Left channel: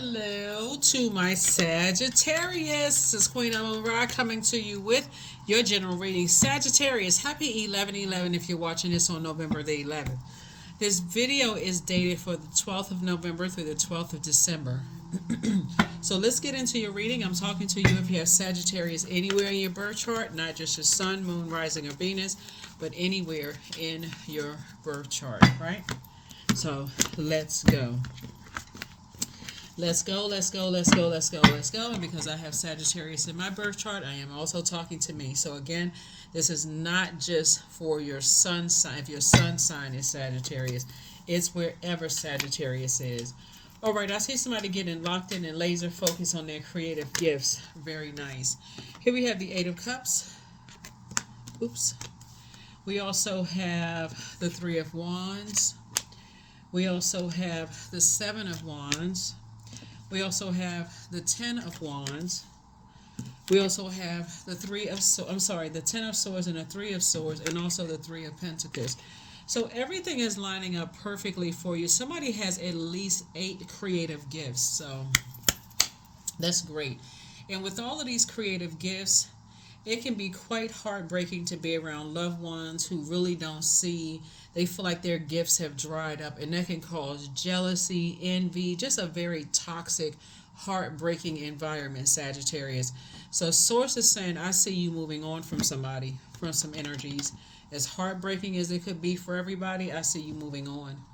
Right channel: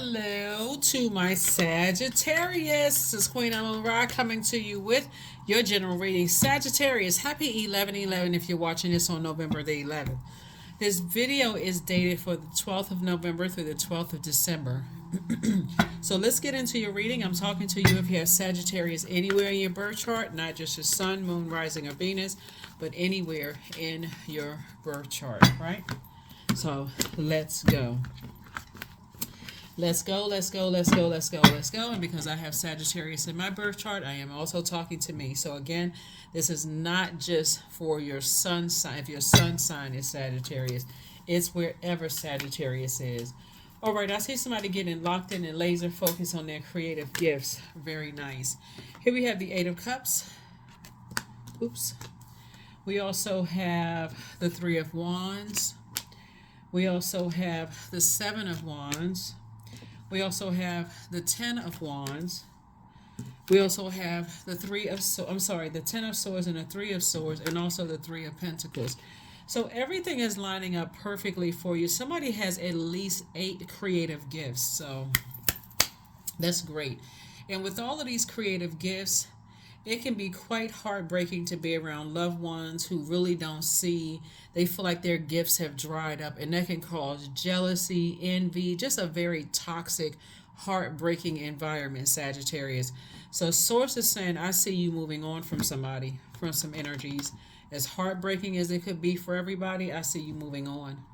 Hello to my Sagittarius. This is Queen Amun Ra coming to you with your general reading. Sagittarius, happy 11/11 if you're watching this on November the 11th. This video is dated for the 12th of November through the 12th of December. So let's get into your reading. I'm talking to you if you have Sagittarius anywhere in your birth chart, not just your sun, moon, rising, or Venus, but anywhere in your birth chart, right? So let's go. Let's go, let's go, let's go, let's go, let's go. And because I have Sagittarius in my birth chart, I am also talking to me. So again, this is not just for your sun sign. If your sun sign is Sagittarius, it's wherever Sagittarius is. All right, I see somebody getting locked in and laser focused on their creative gifts. Very nice. Here we have the Eight of Cups. Oops. We also have the Three of Wands. We also have the Seven of Wands. We also have the Ten of Wands. We also have the the Ten of Swords and the Three of Swords, and also the Three of Pentacles. So everything is lining up perfectly for you. Somebody has at least 8 creative gifts, so that's great. And with all of these creative gifts, it can be quite heartbreaking to be around loved ones who really don't see. They feel like their gifts have dried up, and that can cause jealousy, envy, just a very toxic, heartbreaking environment, Sagittarius. So Source is saying, I see you moving on from somebody, from some energies. As heartbreaking as it could be for everybody, I see you moving on.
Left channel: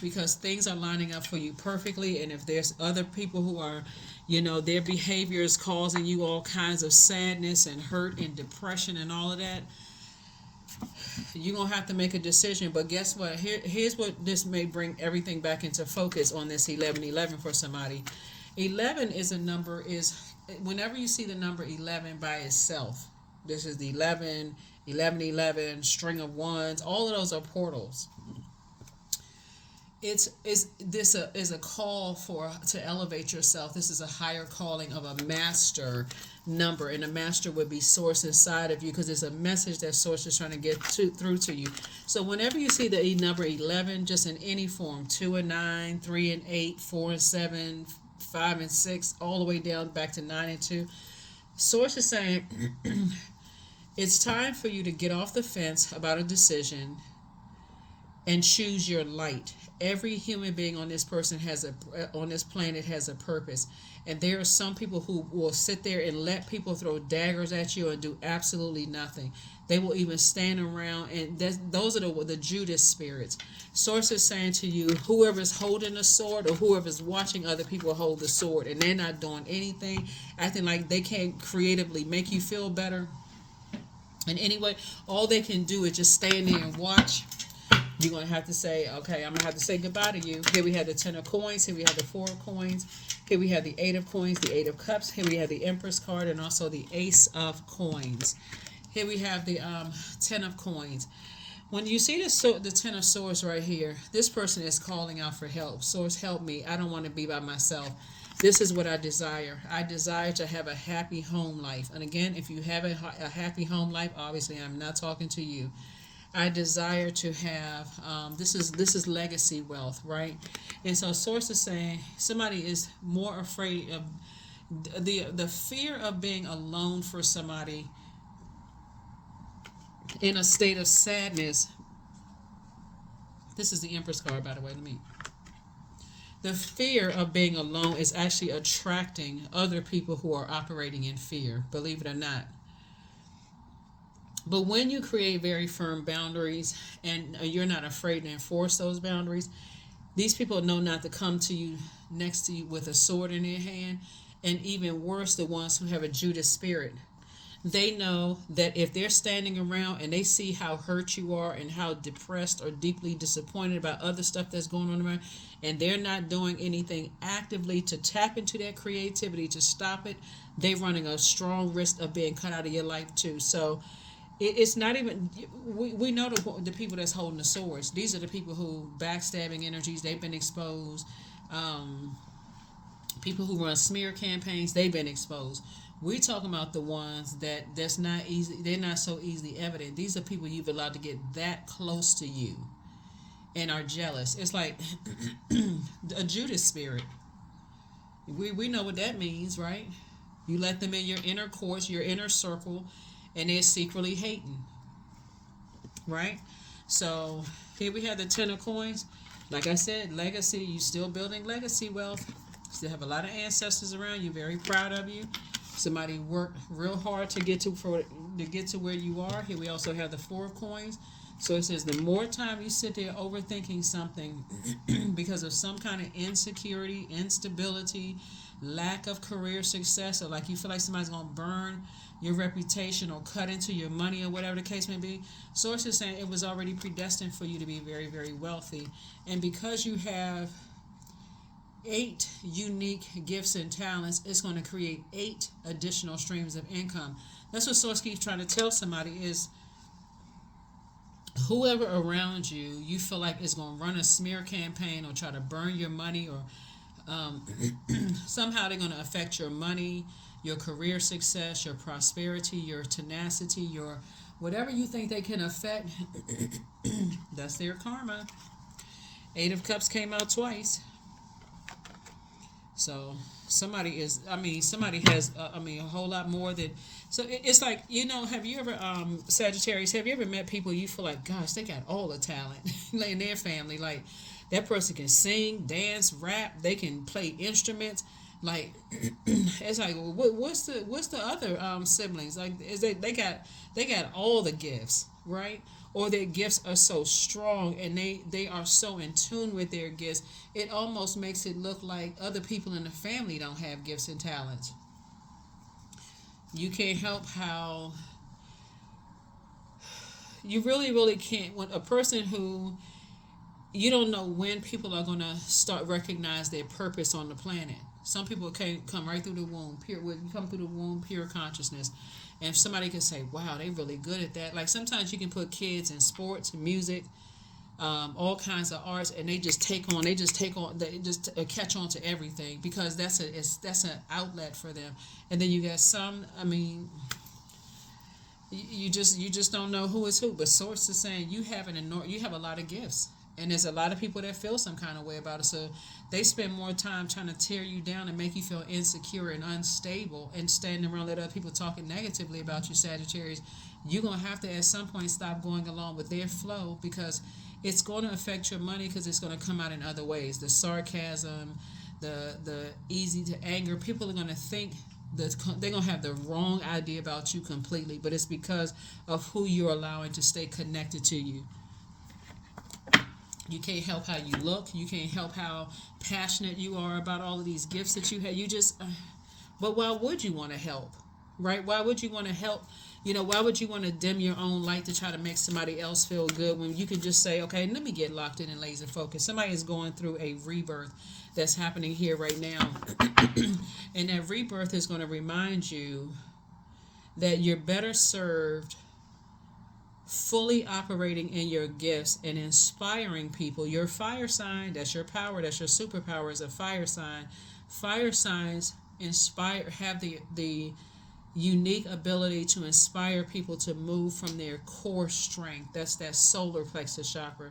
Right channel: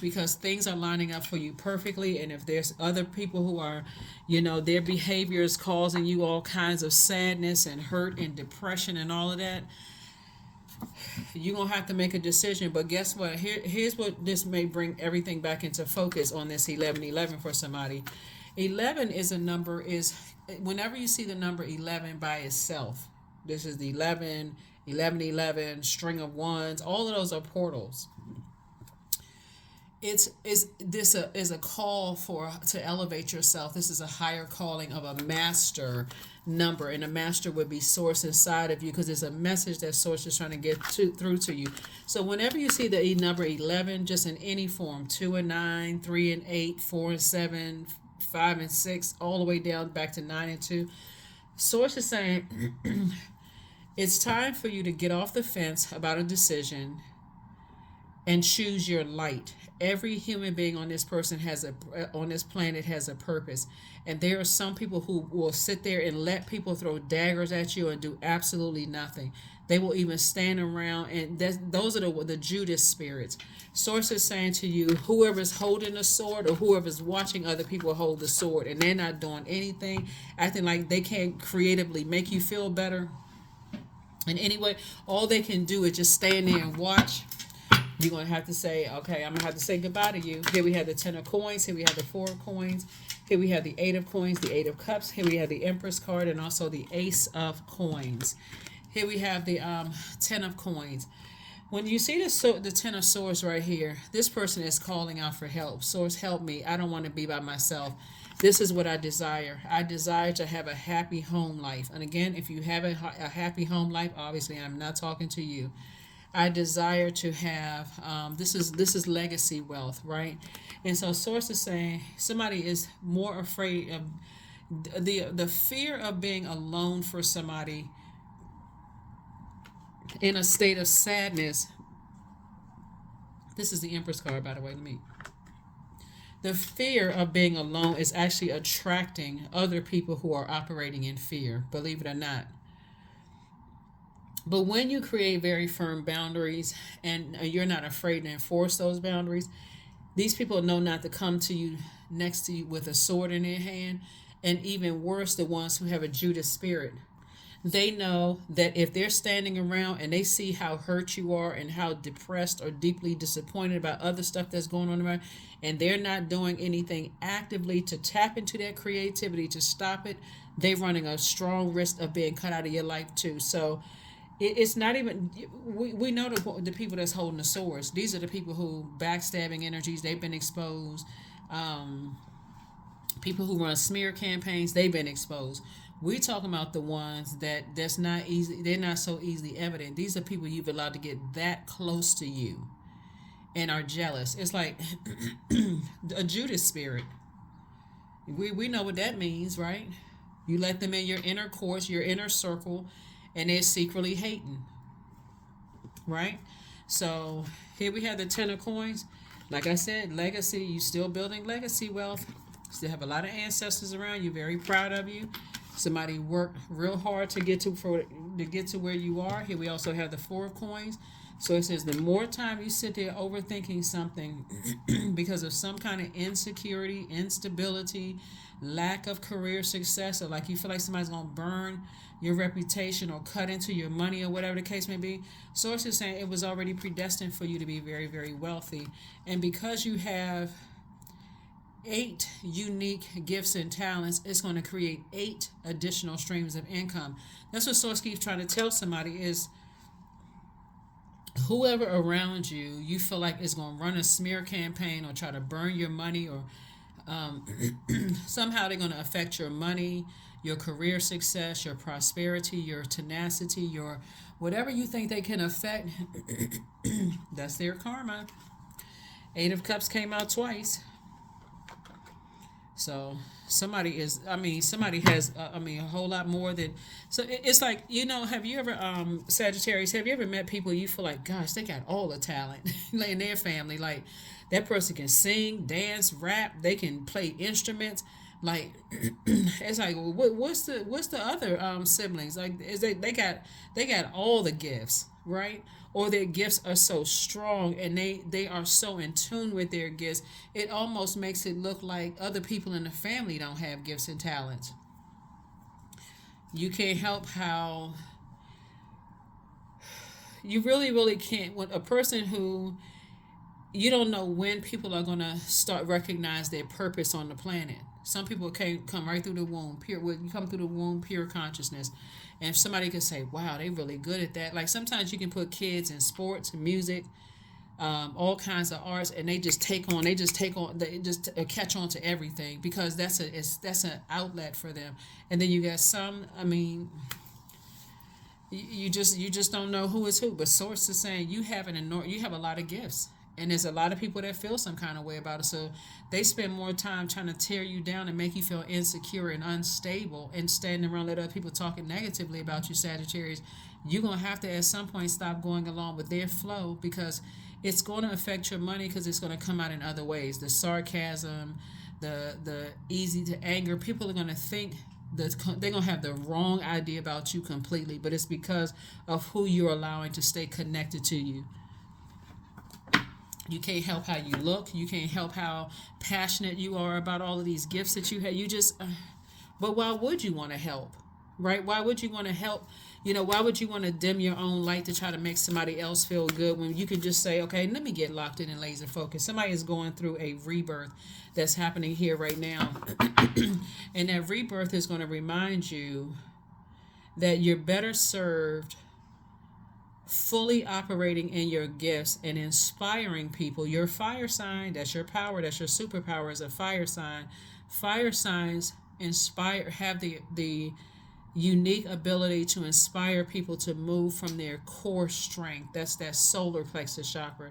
Because things are lining up for you perfectly, and if there's other people who are, their behavior is causing you all kinds of sadness and hurt and depression and all of that, you're going to have to make a decision. But guess what? Here's what this may bring everything back into focus on this 11/11 for somebody. 11 is a number, whenever you see the number 11 by itself, this is the 11, 11, string of ones, all of those are portals. This is a call to elevate yourself. This is a higher calling of a master number, and a master would be Source inside of you, because it's a message that Source is trying to get through to you. So whenever you see the number 11, just in any form, 2 and 9, 3 and 8, 4 and 7, 5 and 6, all the way down back to 9 and 2, Source is saying it's time for you to get off the fence about a decision and choose your light. Every human being on this planet has a purpose, and there are some people who will sit there and let people throw daggers at you and do absolutely nothing. They will even stand around, and those are the Judas spirits. Source is saying to you, whoever's holding a sword or whoever's watching other people hold the sword and they're not doing anything, acting like they can't creatively make you feel better. And anyway, all they can do is just stand there and watch. You're going to have to say, okay, I'm going to have to say goodbye to you. Here we have the 10 of coins. Here we have the 4 of coins. Here we have the 8 of coins, the 8 of cups. Here we have the Empress card, and also the Ace of coins. Here we have the 10 of coins. When you see the 10 of swords right here, this person is calling out for help. Source, help me. I don't want to be by myself. This is what I desire. I desire to have a happy home life. And again, if you have a happy home life, obviously I'm not talking to you. I desire to have, this is legacy wealth, right? And so Source is saying somebody is more afraid of the fear of being alone for somebody in a state of sadness. This is the Empress card, by the way, to me. The fear of being alone is actually attracting other people who are operating in fear, believe it or not. But when you create very firm boundaries and you're not afraid to enforce those boundaries, these people know not to come to you next to you with a sword in their hand. And even worse, the ones who have a Judas spirit. They know that if they're standing around and they see how hurt you are and how depressed or deeply disappointed about other stuff that's going on around, and they're not doing anything actively to tap into their creativity to stop it, they're running a strong risk of being cut out of your life too. So it's not even, we know the people that's holding the swords. These are the people who, backstabbing energies, they've been exposed. People who run smear campaigns, they've been exposed. We're talking about the ones that's not easy. They're not so easily evident. These are people you've allowed to get that close to you and are jealous. It's like a Judas spirit. We know what that means, right? You let them in your inner course, your inner circle, and they're secretly hating, right? So here we have the Ten of Coins. Like I said, legacy. You still building legacy wealth. Still have a lot of ancestors around you. Very proud of you. Somebody worked real hard to get to where you are. Here we also have the Four of Coins. So it says the more time you sit there overthinking something because of some kind of insecurity, instability, lack of career success, or like you feel like somebody's going to burn your reputation or cut into your money or whatever the case may be. Source is saying it was already predestined for you to be very, very wealthy. And because you have 8 unique gifts and talents, it's going to create 8 additional streams of income. That's what Source keeps trying to tell somebody is whoever around you, you feel like is going to run a smear campaign or try to burn your money or somehow they're going to affect your money, your career success, your prosperity, your tenacity, your whatever you think they can affect, that's their karma. 8 of Cups came out twice. So somebody has, a whole lot more than, so it's like, have you ever, Sagittarius, have you ever met people you feel like, gosh, they got all the talent in their family, like, that person can sing, dance, rap, they can play instruments, like, it's like, what's the other, siblings, like, is they got all the gifts, right? Or their gifts are so strong and they are so in tune with their gifts, it almost makes it look like other people in the family don't have gifts and talents. You can't help how you really, really can't. When a person who you don't know when people are going to start recognize their purpose on the planet. Some people can come right through the womb, pure. You come through the womb, pure consciousness. And if somebody can say, wow, they really good at that. Like sometimes you can put kids in sports, music, all kinds of arts, and they just take on, they just catch on to everything because that's an outlet for them. And then you got some, you just don't know who is who. But Source is saying you have a lot of gifts. And there's a lot of people that feel some kind of way about it. So they spend more time trying to tear you down and make you feel insecure and unstable and standing around let other people talking negatively about you, Sagittarius. You're going to have to at some point stop going along with their flow because it's going to affect your money because it's going to come out in other ways. The sarcasm, the easy to anger. People are going to think that they're going to have the wrong idea about you completely, but it's because of who you're allowing to stay connected to you. You can't help how you look. You can't help how passionate you are about all of these gifts that you have. You just, but why would you want to help, right? Why would you want to help? Why would you want to dim your own light to try to make somebody else feel good when you could just say, okay, let me get locked in and laser focused. Somebody is going through a rebirth that's happening here right now. And that rebirth is going to remind you that you're better served fully operating in your gifts and inspiring people. Your fire sign, that's your power, that's your superpower, is a fire sign. Fire signs have the unique ability to inspire people to move from their core strength. That's that solar plexus chakra.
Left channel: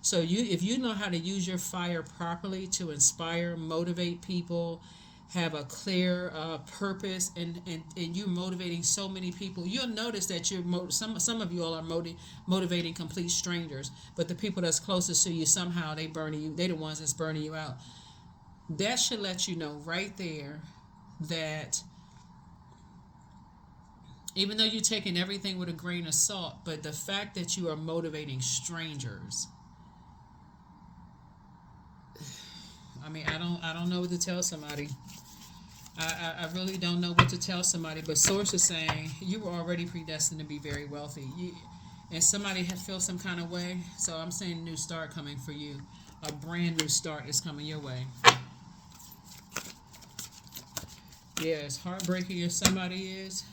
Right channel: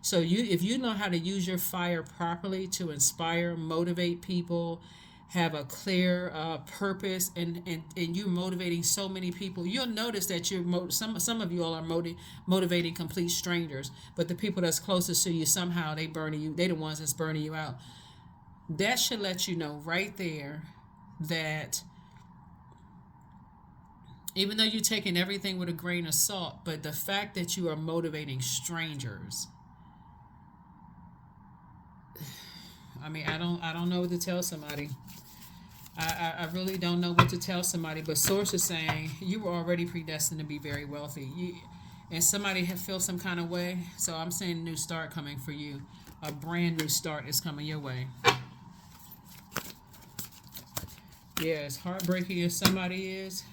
So if you know how to use your fire properly to inspire, motivate people, have a clear purpose, and you're motivating so many people, you'll notice that some of you all are motivating complete strangers, but the people that's closest to you, somehow they're the ones that's burning you out. That should let you know right there that even though you're taking everything with a grain of salt, but the fact that you are motivating strangers, I don't know what to tell somebody. I really don't know what to tell somebody, but Source is saying you were already predestined to be very wealthy. And somebody feels some kind of way, so I'm saying a new start coming for you. A brand new start is coming your way. Yeah, as heartbreaking as somebody is,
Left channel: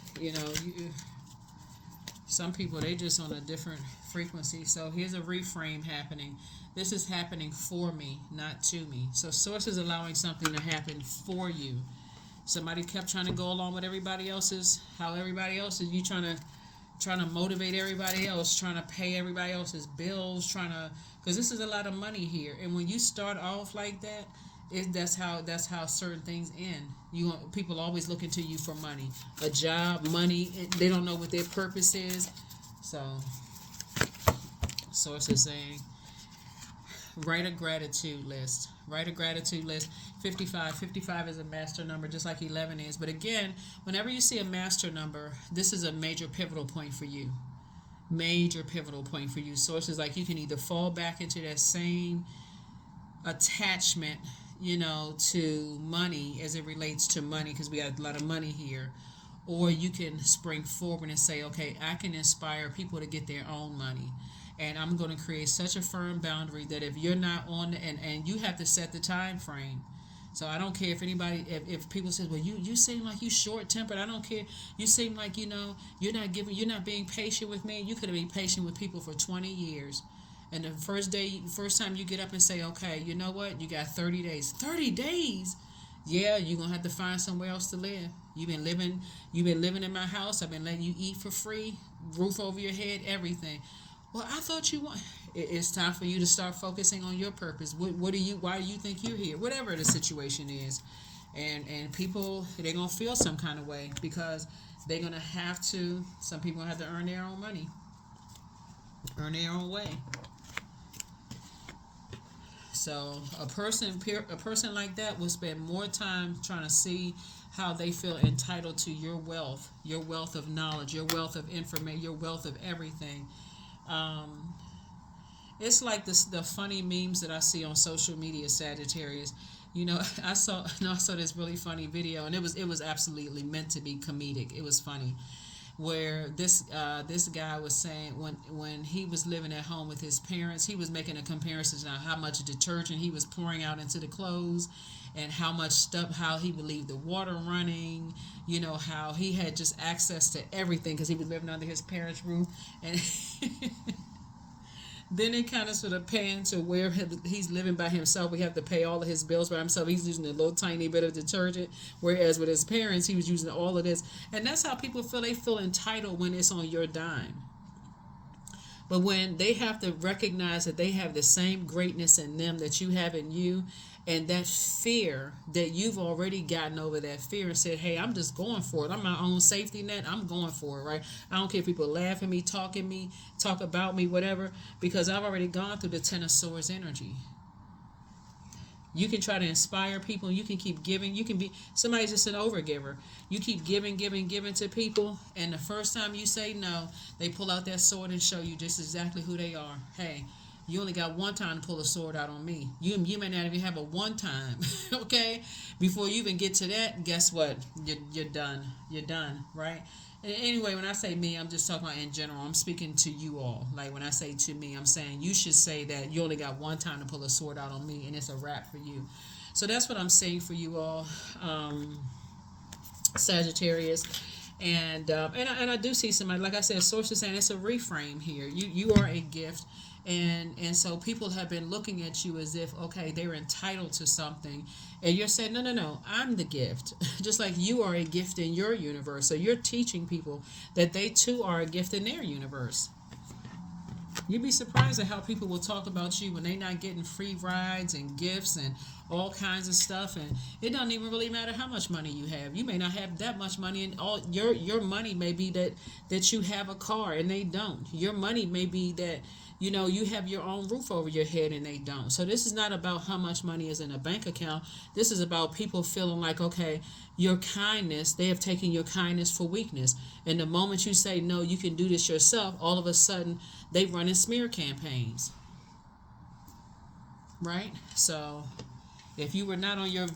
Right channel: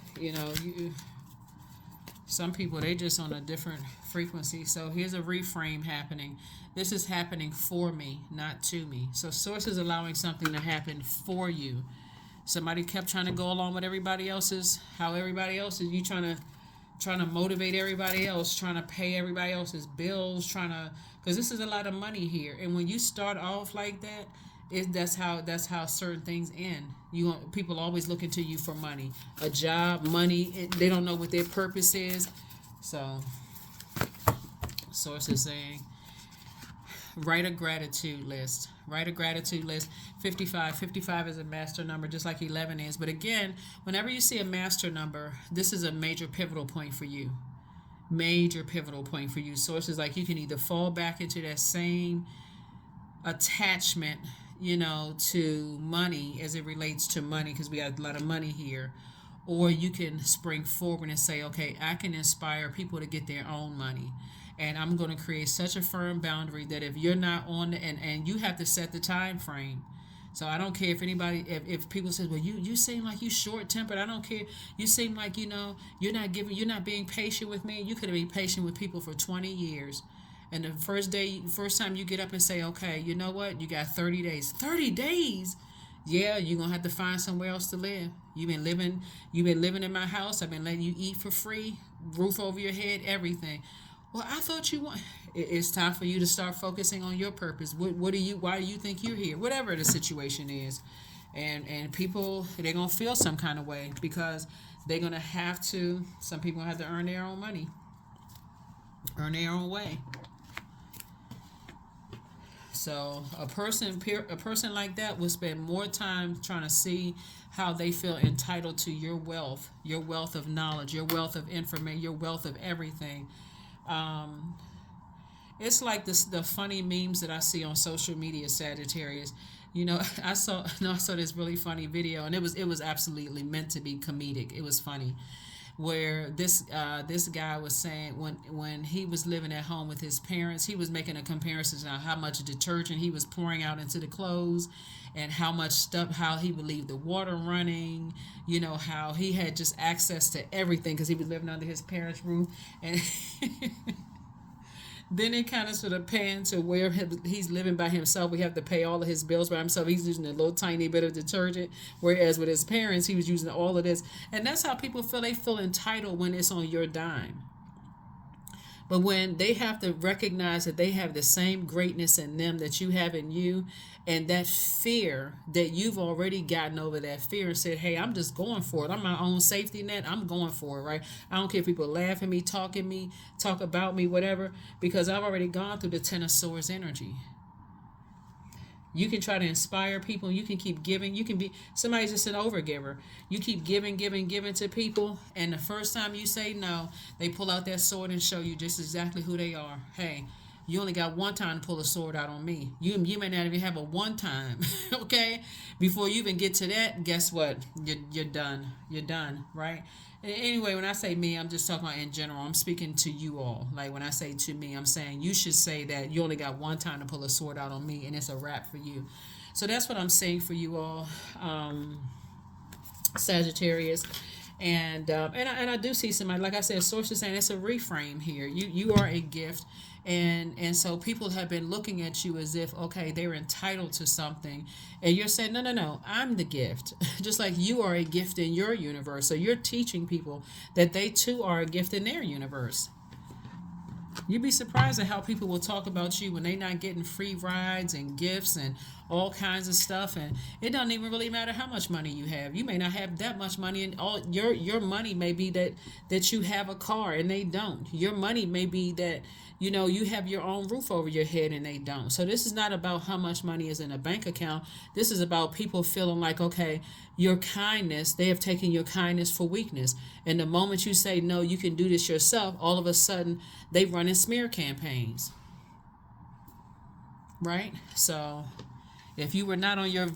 some people, they just on a different frequency. So here's a reframe happening. This is happening for me, not to me. So Source is allowing something to happen for you. Somebody kept trying to go along with everybody else's, you trying to motivate everybody else, trying to pay everybody else's bills, because this is a lot of money here. And when you start off like that, That's how certain things end. People always looking to you for money, a job, money. They don't know what their purpose is. So, source is saying, write a gratitude list. Write a gratitude list. 55. 55 is a master number, just like 11 is. But again, whenever you see a master number, this is a major pivotal point for you. Major pivotal point for you. Sources like you can either fall back into that same attachment, to money as it relates to money, because we got a lot of money here, or you can spring forward and say, okay, I can inspire people to get their own money, and I'm going to create such a firm boundary that if you're not on and you have to set the time frame. So I don't care if anybody, if people say, well, you seem like you short tempered. I don't care. You seem like, you're not being patient with me. You could have been patient with people for 20 years. And the first time you get up and say, okay, you know what? You got 30 days. 30 days? Yeah, you're going to have to find somewhere else to live. You've been living in my house. I've been letting you eat for free, roof over your head, everything. Well, I thought you want. It's time for you to start focusing on your purpose. Why do you think you're here? Whatever the situation is, and people, they're gonna feel some kind of way because they're gonna have to. Some people have to earn their own money, earn their own way. So a person like that will spend more time trying to see how they feel entitled to your wealth of knowledge, your wealth of information, your wealth of everything. It's like the funny memes that I see on social media, Sagittarius. I saw this really funny video, and it was absolutely meant to be comedic. It was funny, where this guy was saying when he was living at home with his parents, he was making a comparison to how much detergent he was pouring out into the clothes, and how much stuff, how he would leave the water running, how he had just access to everything because he was living under his parents' roof, and then it kind of sort of pans to where he's living by himself. We have to pay all of his bills by himself. He's using a little tiny bit of detergent, whereas with his parents, he was using all of this. And that's how people feel. They feel entitled when it's on your dime. But when they have to recognize that they have the same greatness in them that you have in you, and that fear that you've already gotten over that fear and said, hey, I'm just going for it. I'm my own safety net. I'm going for it, right? I don't care if people laugh at me, talk about me, whatever, because I've already gone through the Ten of Swords energy. You can try to inspire people. You can keep giving. You can be somebody's just an overgiver. You keep giving to people, and the first time you say no, they pull out that sword and show you just exactly who they are. Hey, you only got one time to pull a sword out on me. You may not even have a one time, okay? Before you even get to that, guess what? You're done. You're done, right? And anyway, when I say me, I'm just talking about in general. I'm speaking to you all. Like when I say to me, I'm saying you should say that you only got one time to pull a sword out on me, and it's a wrap for you. So that's what I'm saying for you all, Sagittarius. And I do see somebody, like I said, sources saying it's a reframe here. You are a gift. And so people have been looking at you as if, okay, they're entitled to something. And you're saying, no, I'm the gift. Just like you are a gift in your universe. So you're teaching people that they too are a gift in their universe. You'd be surprised at how people will talk about you when they're not getting free rides and gifts and all kinds of stuff. And it doesn't even really matter how much money you have. You may not have that much money, and all your money may be that you have a car and they don't. Your money may be that you have your own roof over your head and they don't. So this is not about how much money is in a bank account. This is about people feeling like, okay, your kindness, they have taken your kindness for weakness. And the moment you say, no, you can do this yourself, all of a sudden they run in smear campaigns. Right? So if you weren't on your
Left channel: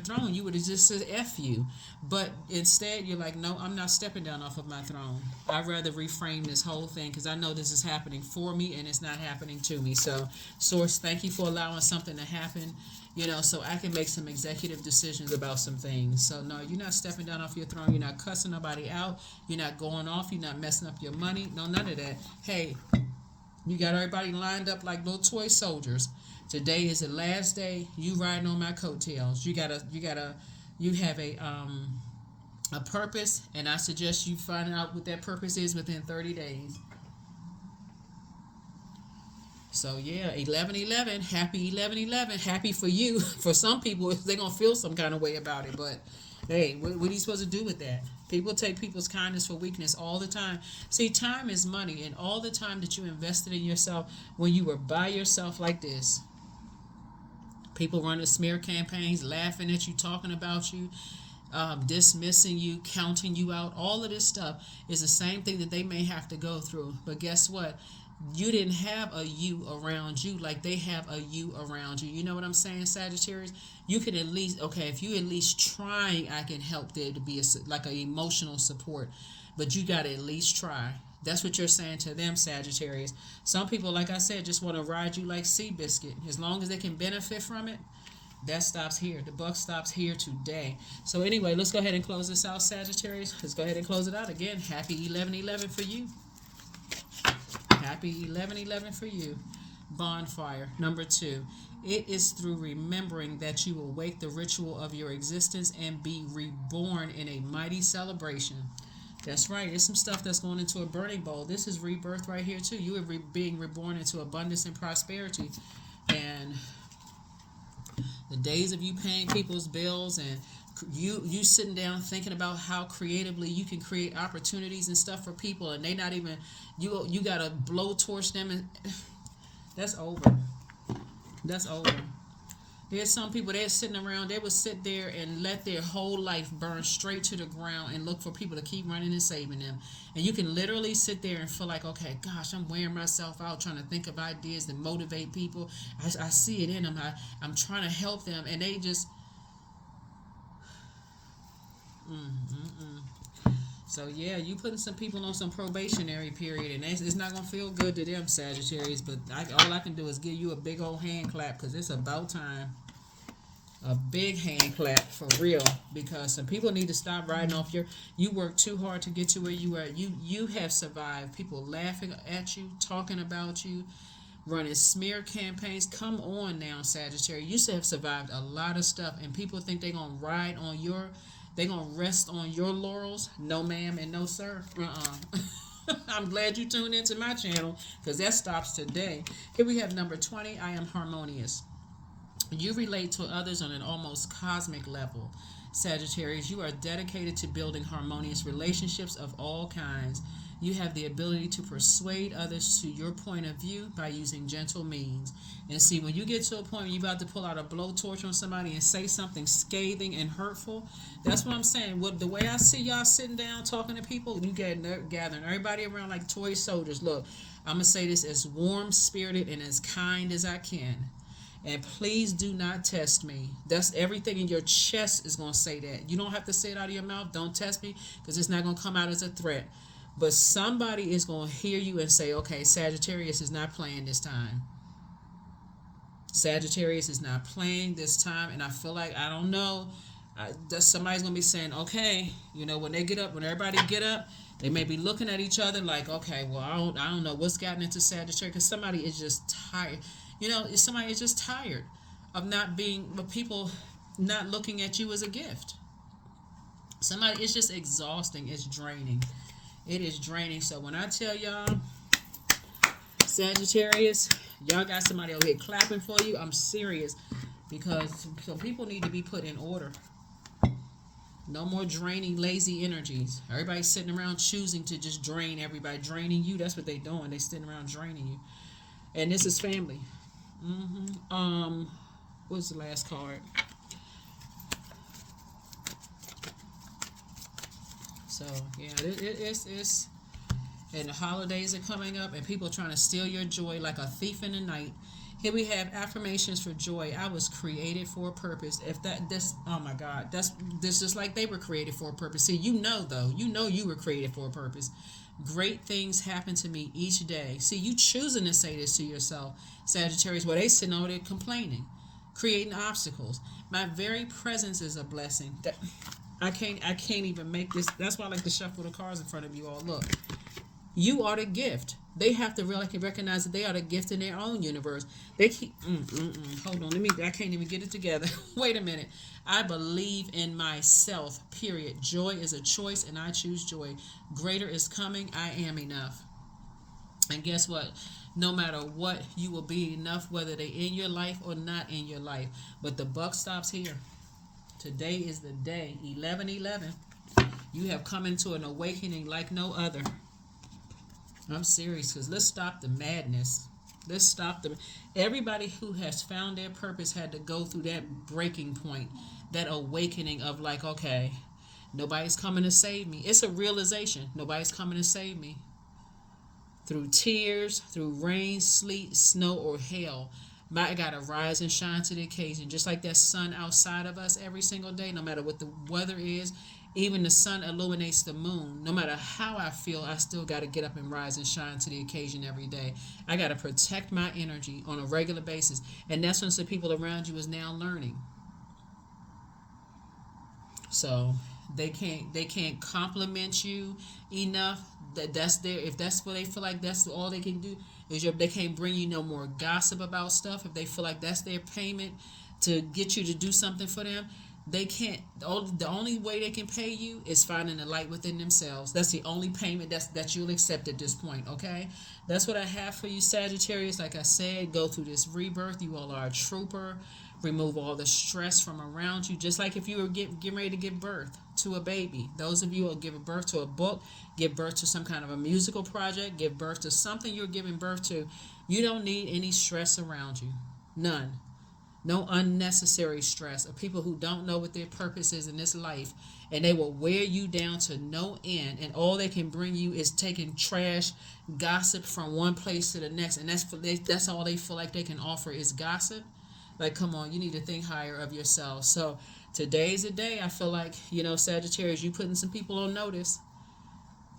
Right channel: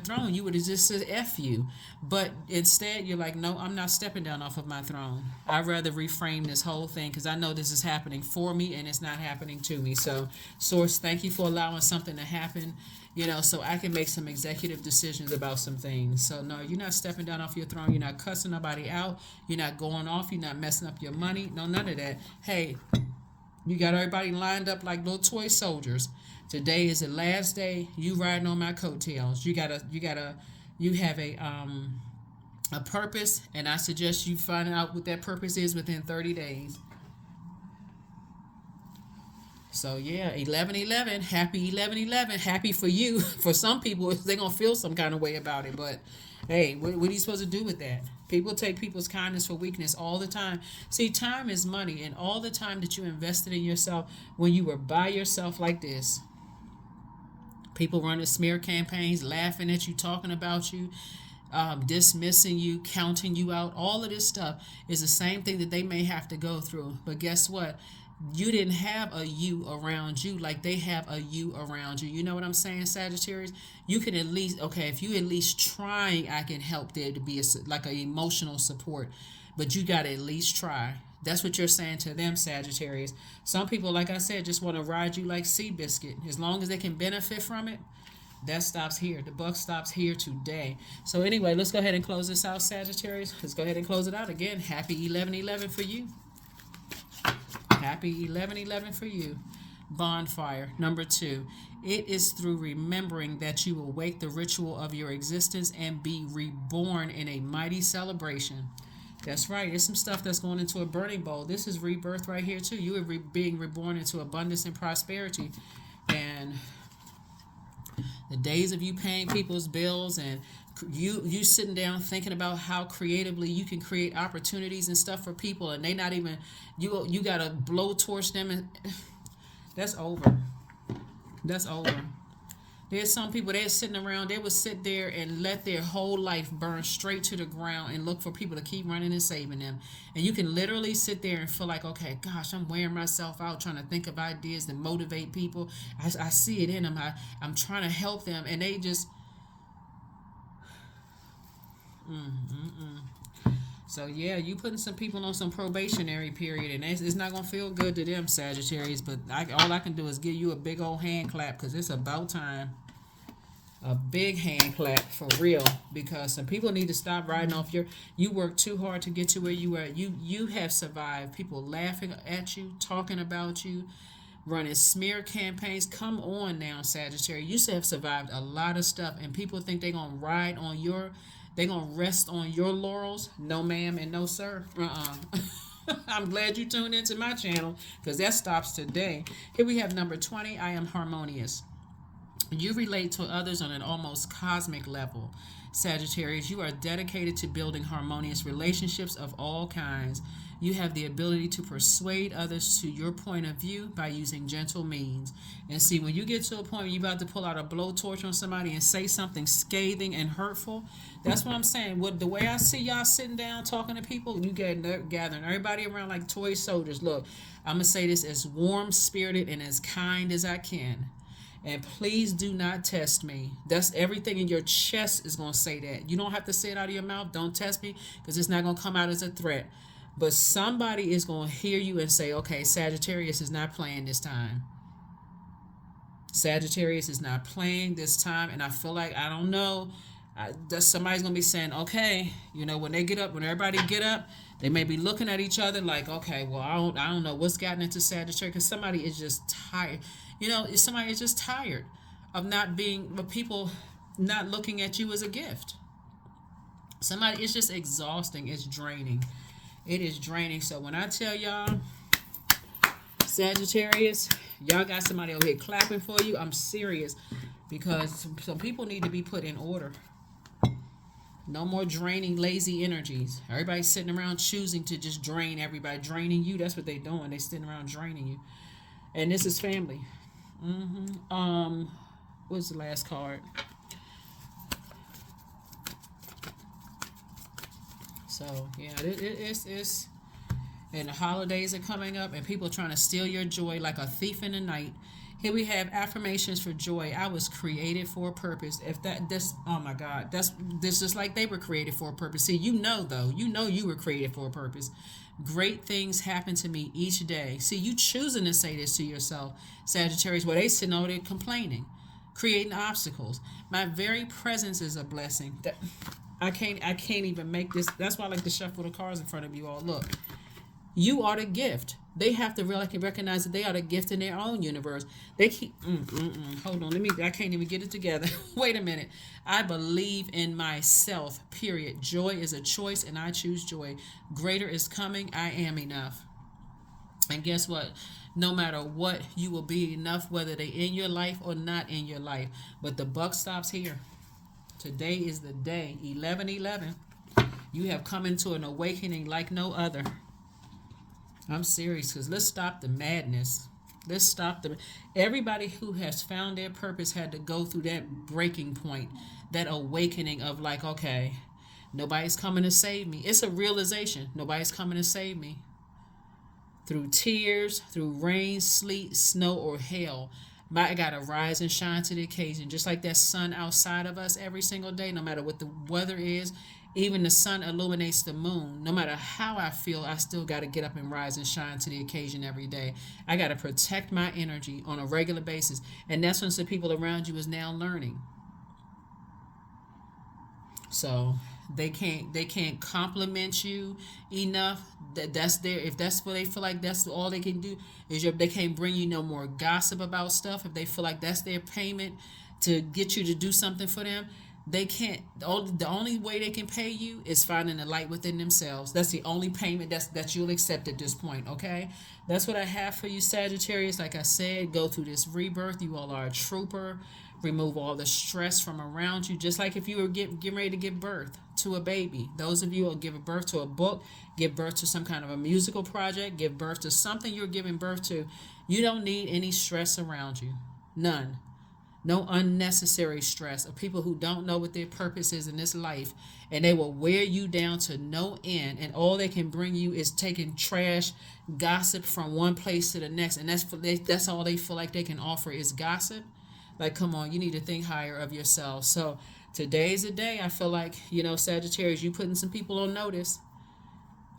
throne, you would have just said F you. But instead, you're like, no, I'm not stepping down off of my throne. I'd rather reframe this whole thing because I know this is happening for me and it's not happening to me. So, Source, thank you for allowing something to happen, so I can make some executive decisions about some things. So, no, you're not stepping down off your throne. You're not cussing nobody out. You're not going off. You're not messing up your money. No, none of that. Hey, you got everybody lined up like little toy soldiers. Today is the last day. You riding on my coattails. You have a purpose, and I suggest you find out what that purpose is within 30 days. So yeah, 11/11, happy 11/11, happy for you. For some people, they're gonna feel some kind of way about it, but hey, what are you supposed to do with that? People take people's kindness for weakness all the time. See, time is money, and all the time that you invested in yourself when you were by yourself like this, people running smear campaigns, laughing at you, talking about you, dismissing you, counting you out, all of this stuff is the same thing that they may have to go through. But guess what? You didn't have a you around you like they have a you around you. You know what I'm saying, Sagittarius? You can at least, okay, if you at least trying, I can help there to be like an emotional support. But you got to at least try. That's what you're saying to them, Sagittarius. Some people, like I said, just want to ride you like Seabiscuit. As long as they can benefit from it, that stops here. The buck stops here today. So anyway, let's go ahead and close this out, Sagittarius. Let's go ahead and close it out again. Happy 11/11 for you. Happy 11/11 for you. Bonfire. Number 2. It is through remembering that you will wake the ritual of your existence and be reborn in a mighty celebration. That's right. There's some stuff that's going into a burning bowl. This is rebirth right here too. You are being reborn into abundance and prosperity. And the days of you paying people's bills and you sitting down thinking about how creatively you can create opportunities and stuff for people, and they not even you gotta blow torch them, and that's over. That's over. There's some people, they're sitting around, they would sit there and let their whole life burn straight to the ground and look for people to keep running and saving them. And you can literally sit there and feel like, okay, gosh, I'm wearing myself out trying to think of ideas that motivate people. I see it in them. I'm trying to help them. And they just... So yeah, you putting some people on some probationary period, and it's not gonna feel good to them, Sagittarius. But all I can do is give you a big old hand clap, because it's about time. A big hand clap for real, because some people need to stop riding off your. You worked too hard to get to where you were. You have survived. People laughing at you, talking about you, running smear campaigns. Come on now, Sagittarius. You have survived a lot of stuff, and people think they're gonna ride on your. They gonna rest on your laurels? No, ma'am, and no, sir. I'm glad you tuned into my channel, because that stops today. Here we have number 20. I am harmonious. You relate to others on an almost cosmic level. Sagittarius, you are dedicated to building harmonious relationships of all kinds. You have the ability to persuade others to your point of view by using gentle means. And see, when you get to a point where you're about to pull out a blowtorch on somebody and say something scathing and hurtful, that's what I'm saying. The way I see y'all sitting down talking to people, you gathering everybody around like toy soldiers. Look, I'm going to say this as warm-spirited and as kind as I can. And please do not test me. That's everything in your chest is going to say that. You don't have to say it out of your mouth. Don't test me, because it's not going to come out as a threat. But somebody is going to hear you and say, okay, Sagittarius is not playing this time. Sagittarius is not playing this time. And I feel like, I don't know, somebody's going to be saying, okay, when they get up, when everybody get up, they may be looking at each other like, okay, well, I don't know what's gotten into Sagittarius, because somebody is just tired. Somebody is just tired of people not looking at you as a gift. Somebody, it's just exhausting. It's draining. It is draining. So when I tell y'all, Sagittarius, y'all got somebody over here clapping for you, I'm serious, because some people need to be put in order. No more draining, lazy energies. Everybody's sitting around choosing to just drain everybody, draining you. That's what they're doing. They're sitting around draining you. And this is family. What's the last card? So yeah, it's and the holidays are coming up, and people are trying to steal your joy like a thief in the night. Here we have affirmations for joy. I was created for a purpose. Oh my God, this is like they were created for a purpose. See, though, you were created for a purpose. Great things happen to me each day. See, you choosing to say this to yourself, Sagittarius. Well, they sitting over there complaining, creating obstacles. My very presence is a blessing. I can't even make this. That's why I like to shuffle the cards in front of you all. Look, you are the gift. They have to really recognize that they are the gift in their own universe. They keep hold on, I can't even get it together. Wait a minute. I believe in myself, period. Joy is a choice, and I choose joy. Greater is coming. I am enough. And guess what? No matter what, you will be enough, whether they in your life or not in your life. But the buck stops here. Today is the day, 11/11. You have come into an awakening like no other. I'm serious, because let's stop the madness. Let's stop the. Everybody who has found their purpose had to go through that breaking point, that awakening of like, okay, nobody's coming to save me. It's a realization. Nobody's coming to save me. Through tears, through rain, sleet, snow, or hail, I gotta rise and shine to the occasion. Just like that sun outside of us every single day, no matter what the weather is, even the sun illuminates the moon. No matter how I feel, I still gotta get up and rise and shine to the occasion every day. I gotta protect my energy on a regular basis. And that's when some people around you is now learning. So they can't compliment you enough. That's their, if that's what they feel like that's all they can do is they can't bring you no more gossip about stuff. If they feel like that's their payment to get you to do something for them, they can't. The only way they can pay you is finding the light within themselves. That's the only payment that you'll accept at this point. Okay, that's what I have for you, Sagittarius. Like I said, go through this rebirth. You all are a trooper. Remove all the stress from around you, just like if you were getting ready to give birth to a baby. Those of you who are giving birth to a book, give birth to some kind of a musical project, give birth to something you're giving birth to, you don't need any stress around you. None. No unnecessary stress of people who don't know what their purpose is in this life, and they will wear you down to no end, and all they can bring you is taking trash, gossip from one place to the next, and that's all they feel like they can offer is gossip. Like, come on, you need to think higher of yourself. So today's the day. I feel like, Sagittarius, you putting some people on notice.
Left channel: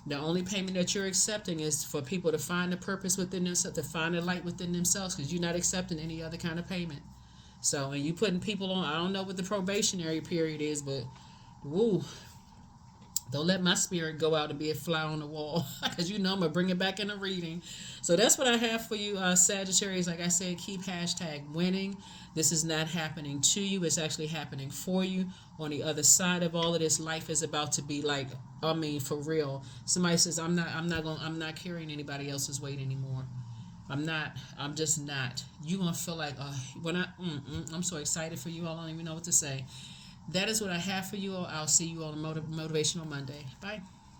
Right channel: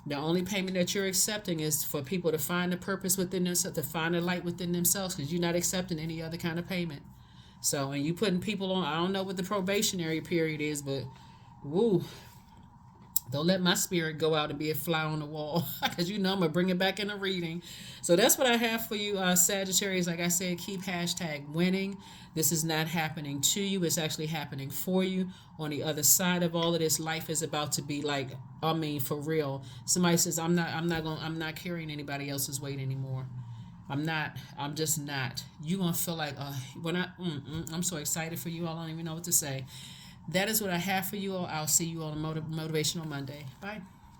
The only payment that you're accepting is for people to find the purpose within themselves, to find the light within themselves, because you're not accepting any other kind of payment. So, and you putting people on, I don't know what the probationary period is, but woo, don't let my spirit go out and be a fly on the wall, because I'm going to bring it back in a reading. So that's what I have for you, Sagittarius. Like I said, keep #winning. This is not happening to you. It's actually happening for you. On the other side of all of this, life is about to be like, I mean, for real. Somebody says, I'm not carrying anybody else's weight anymore. I'm just not. You're going to feel like, I'm so excited for you all. I don't even know what to say. That is what I have for you all. I'll see you on Motivational Monday. Bye.